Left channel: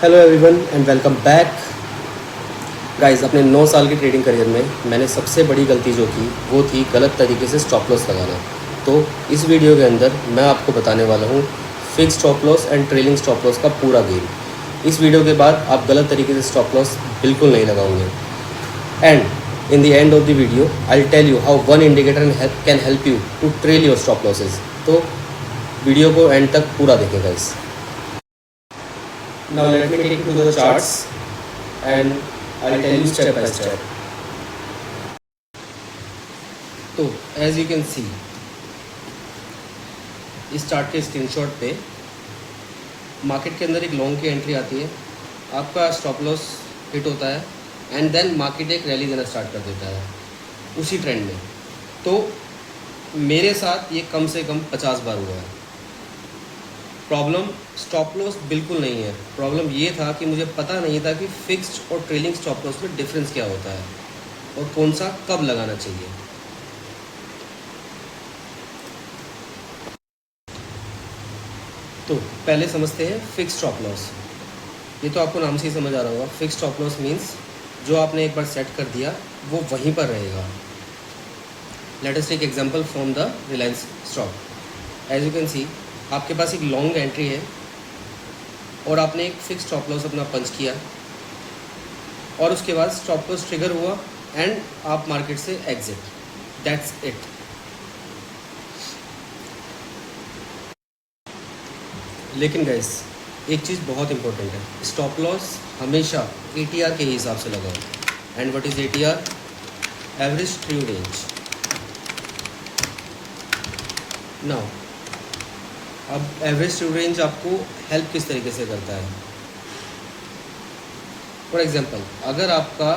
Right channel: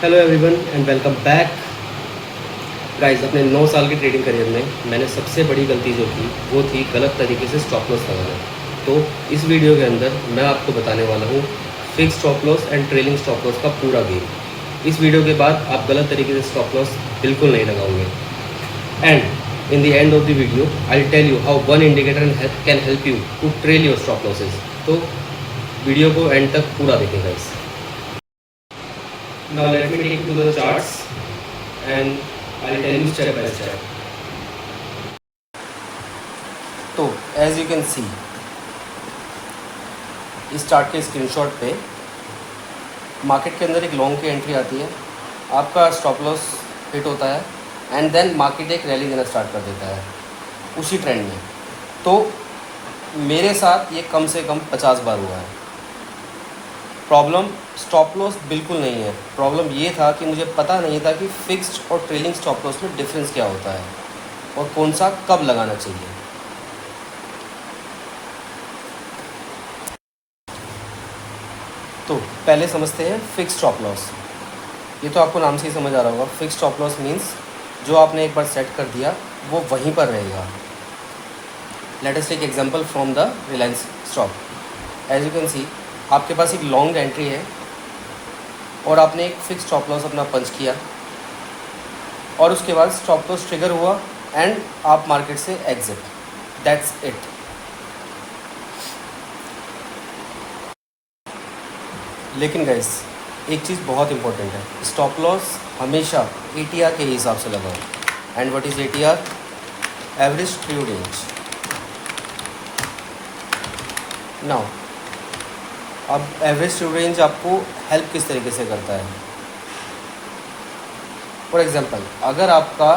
Hello everyone and welcome back guys. अपने 9 साल के ट्रेडिंग करियर में मैंने सबसे बड़ी गलती जो की वो थी गलत तरीके से स्टॉप लॉस लगाना। तो इस वीडियो के अंदर मैं आपको बताने वाला हूँ fix stop loss and trailing stop loss का पूरा गेम। इस वीडियो के बाद आप गलत तरीके से स्टॉप लॉस बिल्कुल नहीं लगाओगे। And in the end of the video I will tell you how one indicator can help you to trail your stop losses. तो वीडियो को एंड तक पूरा देखें guys. Now let me take you to the charts and I'll tell you step by step. तो as you can see इस chart के screenshot पे market के अंदर एक लॉन्ग की एंट्री आती है, आपका स्टॉप लॉस हिट होता है एंड देन मार्केट एक रैली देना स्टार्ट कर देता है उसी ट्रेंड में। तो मेरे साथ ये कम से कम 50 बार हुआ है। प्रॉब्लम स्टॉप लॉस बिल्कुल नहीं है, प्रॉब्लम ये था कि मुझे पता नहीं था कि फिक्स्ड और ट्रेलिंग स्टॉप लॉस में डिफरेंस क्या होता है और कौन सा कब लगाना चाहिए। तो पहले समझते हैं फिक्स्ड स्टॉप लॉस। ये तो आपको नाम से ही समझ आ रहा होगा। फिक्स्ड स्टॉप लॉस मीन्स जो आपने एक बार सेट कर दिया वो वहीं पर रहेगा। Let us take example from the Reliance stock. As you can see आपके पास एक लॉन्ग एंट्री है और आपने एक फिक्स स्टॉप लॉस अपना पंच किया और उसके बाद स्टॉप लॉस ट्रिगर हुआ एंड आप मार्केट से एग्जिट। That's it. लेकिन गाइस एक चीज़ बहुत इंपॉर्टेंट है, स्टॉप लॉस हमेशा ATR के हिसाब से लगाओ। And what is ATR? Average true range. Now अब एवरेज ट्रू रेंज आपको हेल्प किस तरीके से करता है? फॉर एग्जांपल अगर आपका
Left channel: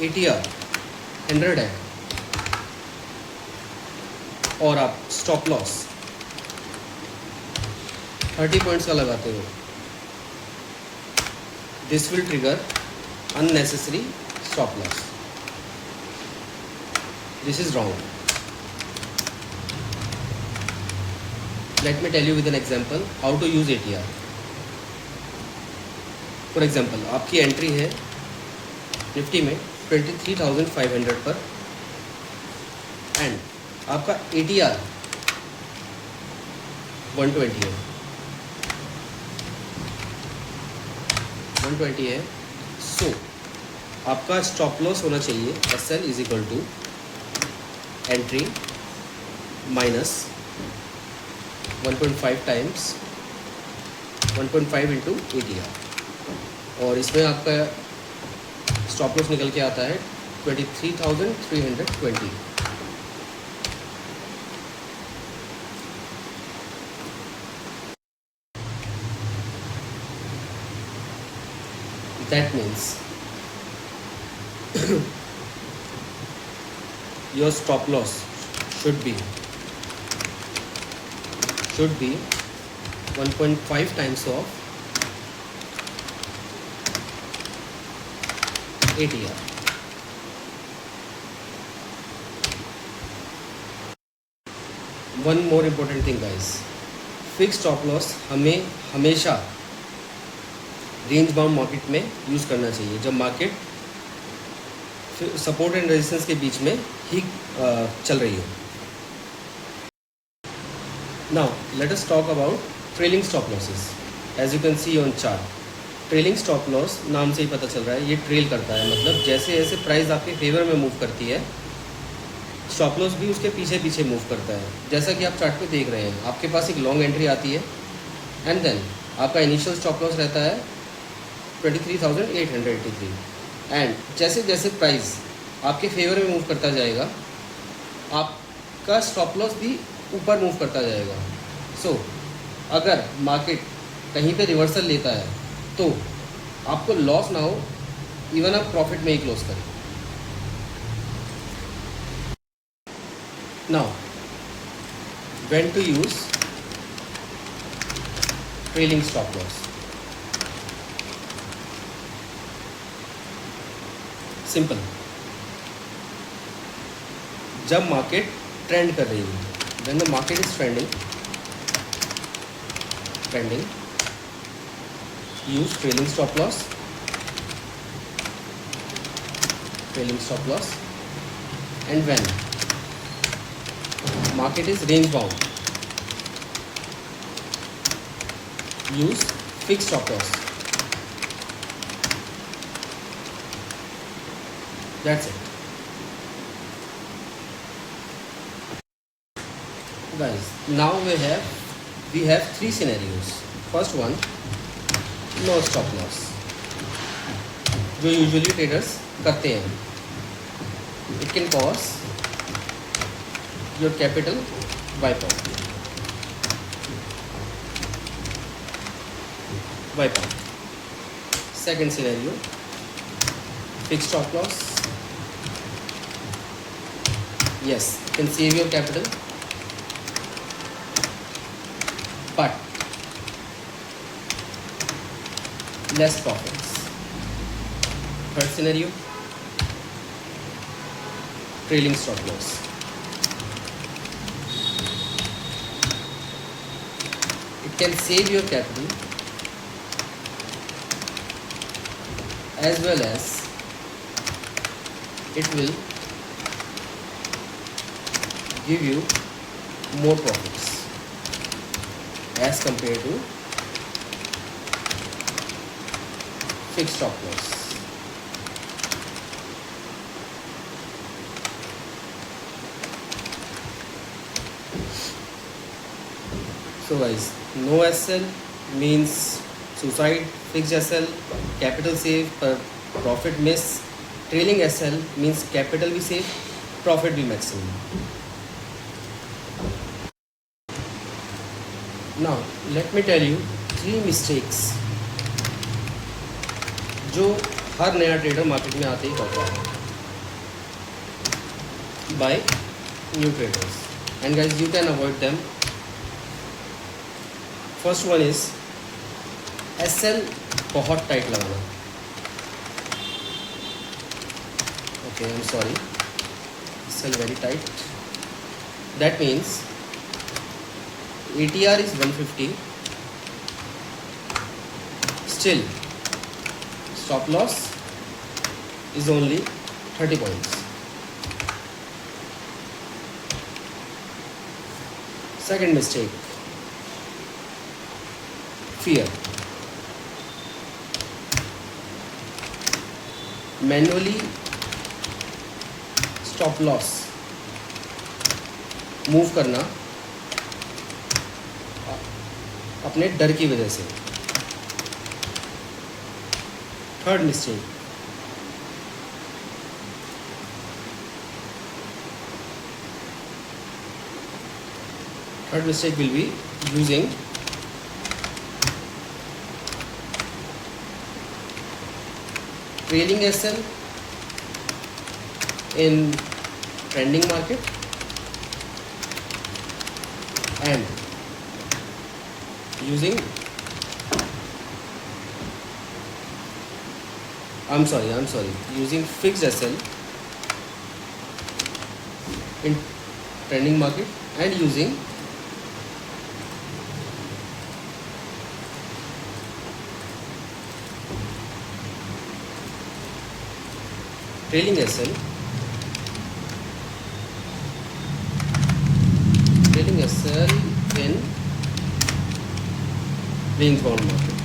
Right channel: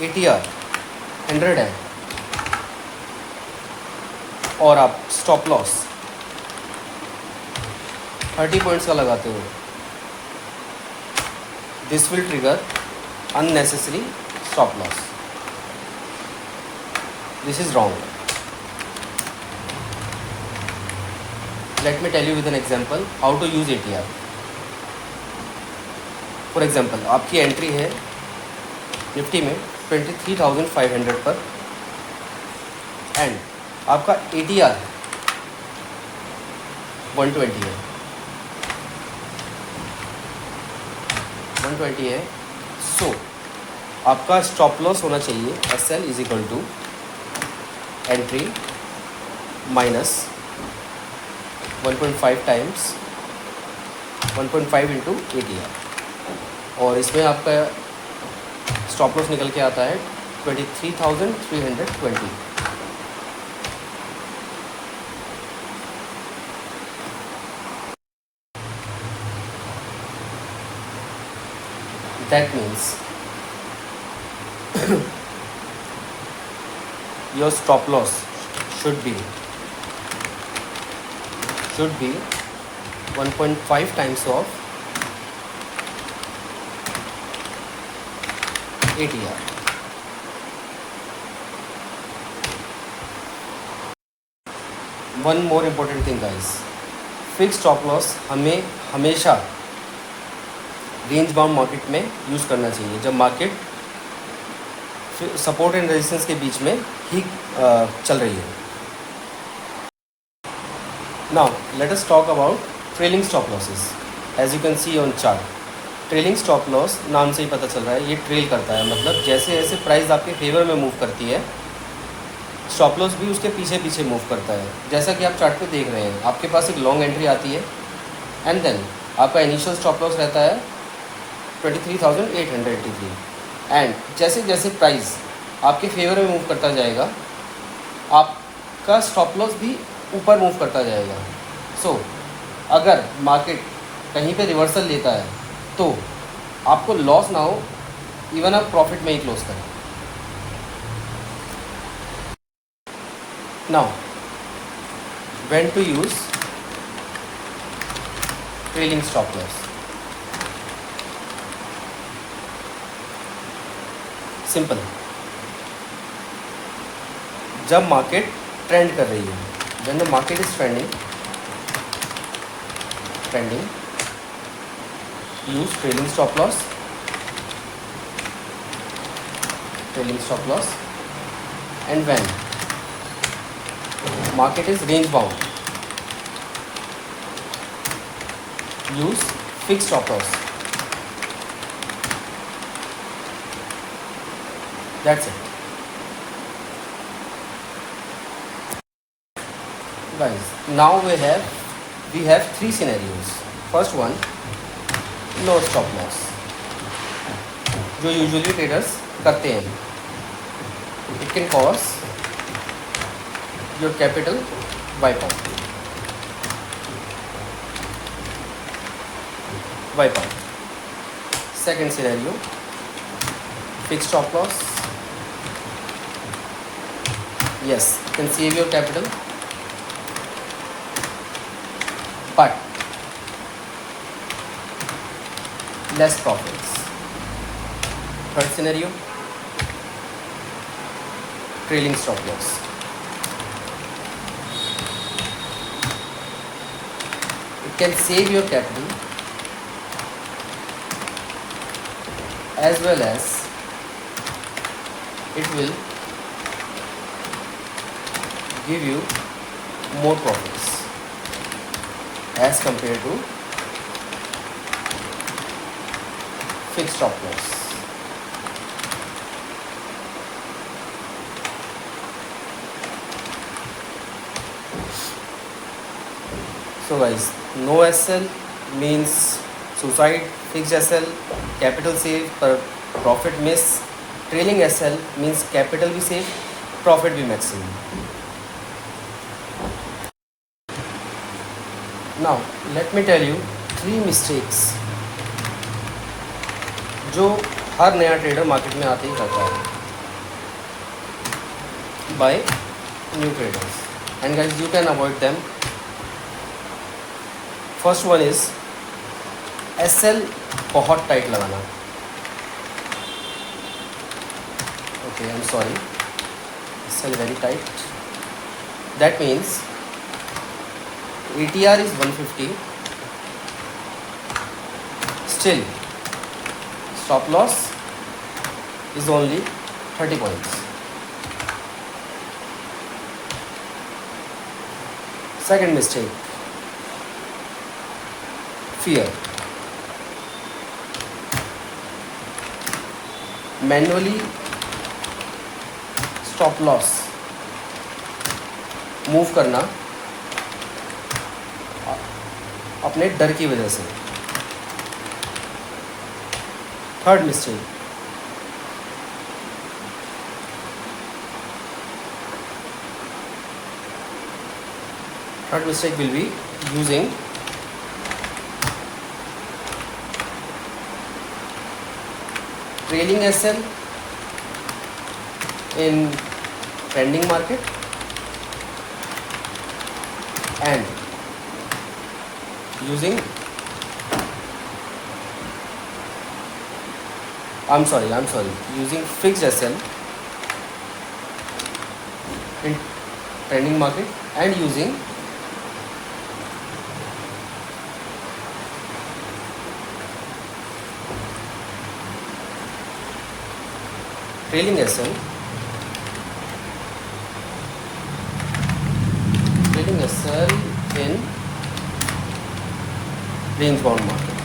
ATR 100 है और आप स्टॉप लॉस 30 पॉइंट्स का लगाते हो, this will trigger unnecessary stop loss. This is wrong. Let me tell you with an example how to use ATR. For example, आपकी एंट्री है निफ्टी में 23,500 पर एंड आपका ATR 120 है। 120 है, सो आपका स्टॉप लॉस होना चाहिए SL is equal to entry minus 1.5 times 1.5 into ATR और इसमें आपका स्टॉप लॉस निकल के आता है 23,320। That means your stop loss should be 1.5 times of ATR. One more important thing guys, fix stop loss हमें हमेशा रेंज बाउंड मार्केट में यूज़ करना चाहिए जब मार्केट सपोर्ट एंड रेजिस्टेंस के बीच में ही चल रही है। Now let us talk about trailing stop losses. As you can see on chart, trailing stop loss नाम से ही पता चल रहा है, ये ट्रेल करता है। मतलब जैसे जैसे प्राइस आपके फेवर में मूव करती है स्टॉप लॉस भी उसके पीछे पीछे मूव करता है। जैसा कि आप चार्ट पे देख रहे हैं, आपके पास एक लॉन्ग एंट्री आती है एंड देन आपका इनिशियल स्टॉप लॉस रहता है 23,883 एंड जैसे जैसे प्राइस आपके फेवर में मूव करता जाएगा आपका स्टॉप लॉस भी ऊपर मूव करता जाएगा। सो अगर मार्केट कहीं पे रिवर्सल लेता है तो आपको लॉस ना हो, इवन आप प्रॉफिट में ही क्लोज करें। Now when to use trailing stop loss. Simple, जब मार्केट ट्रेंड कर रही है, when the market is trending, use trailing stop loss, and when market is range bound, use fixed stop loss. That's it. Guys, now we have three scenarios. First one, no stop loss, जो usually traders करते हैं. It can cause your capital wipe out. Second scenario, fixed stop loss. Yes, you can save your capital, but less profits. Third scenario, trailing stop loss. It can save your capital as well as it will give you more profits as compared to fixed stop loss. So guys, no SL means suicide, fixed SL capital save पर profit miss, trailing SL means capital भी save, profit भी maximum. Now let me tell you 3 mistakes जो हर नया trader market में आते ही करता है by new traders, and guys you can avoid them. First one is SL बहुत टाइट लगाना. Okay, I'm sorry, SL very tight. That means ATR is 150, still stop loss is only 30 points. Second mistake, fear. Manually stop loss move करना अपने डर की वजह से. Third mistake, will be using trailing SL in trending market and using using fixed SL in trending market and using trailing SL in range bound market.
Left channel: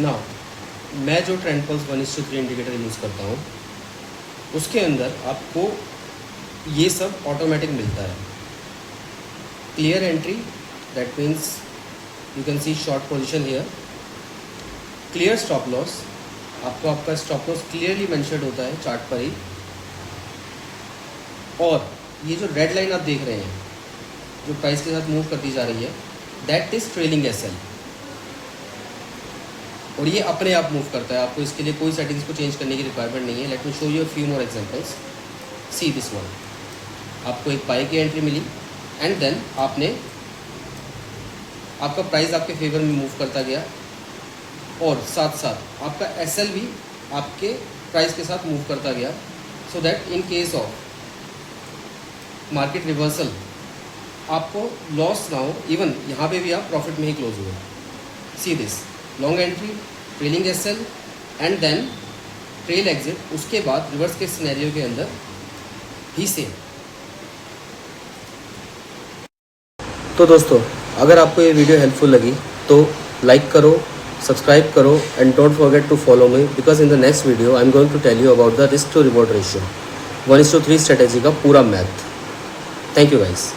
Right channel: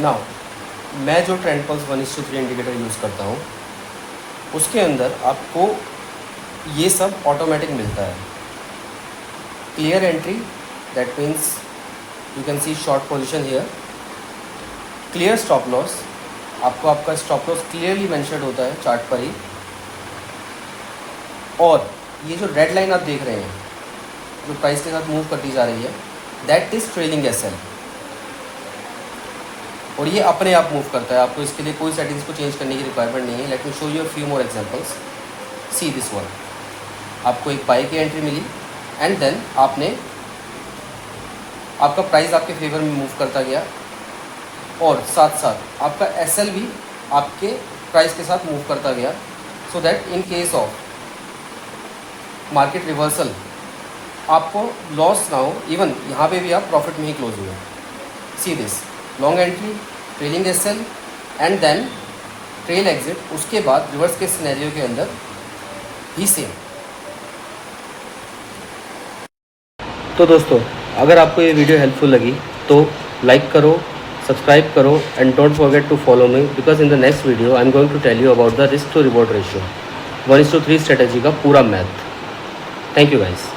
Now मैं जो trend pulse 1:3 indicator use करता हूँ उसके अंदर आपको ये सब automatic मिलता है. Clear entry, that means you can C short position here. Clear stop loss, आपको आपका स्टॉप लॉस क्लियरली मेंशन्ड होता है चार्ट पर ही. और ये जो रेड लाइन आप देख रहे हैं जो प्राइस के साथ मूव करती जा रही है, दैट इज़ ट्रेलिंग एसएल. और ये अपने आप मूव करता है, आपको इसके लिए कोई सेटिंग्स को चेंज करने की रिक्वायरमेंट नहीं है. Let me show you few more examples. See this one, आपको एक बाई की एंट्री मिली एंड देन आपका प्राइस आपके फेवर में मूव करता गया और साथ साथ आपका एसएल भी आपके प्राइस के साथ मूव करता गया. So that in case of market reversal आपको लॉस ना हो, इवन यहाँ पे भी आप प्रॉफिट में ही क्लोज हुए। See this long entry, trailing SL and then trail exit, उसके बाद रिवर्स के सिनेरियो के अंदर भी सेम। तो दोस्तों, अगर आपको ये वीडियो हेल्पफुल लगी तो लाइक करो, सब्सक्राइब करो and don't forget to follow me, because in the next video I am going to tell you about the risk to reward ratio 1:3 strategy का पूरा मैथ। Thank you guys.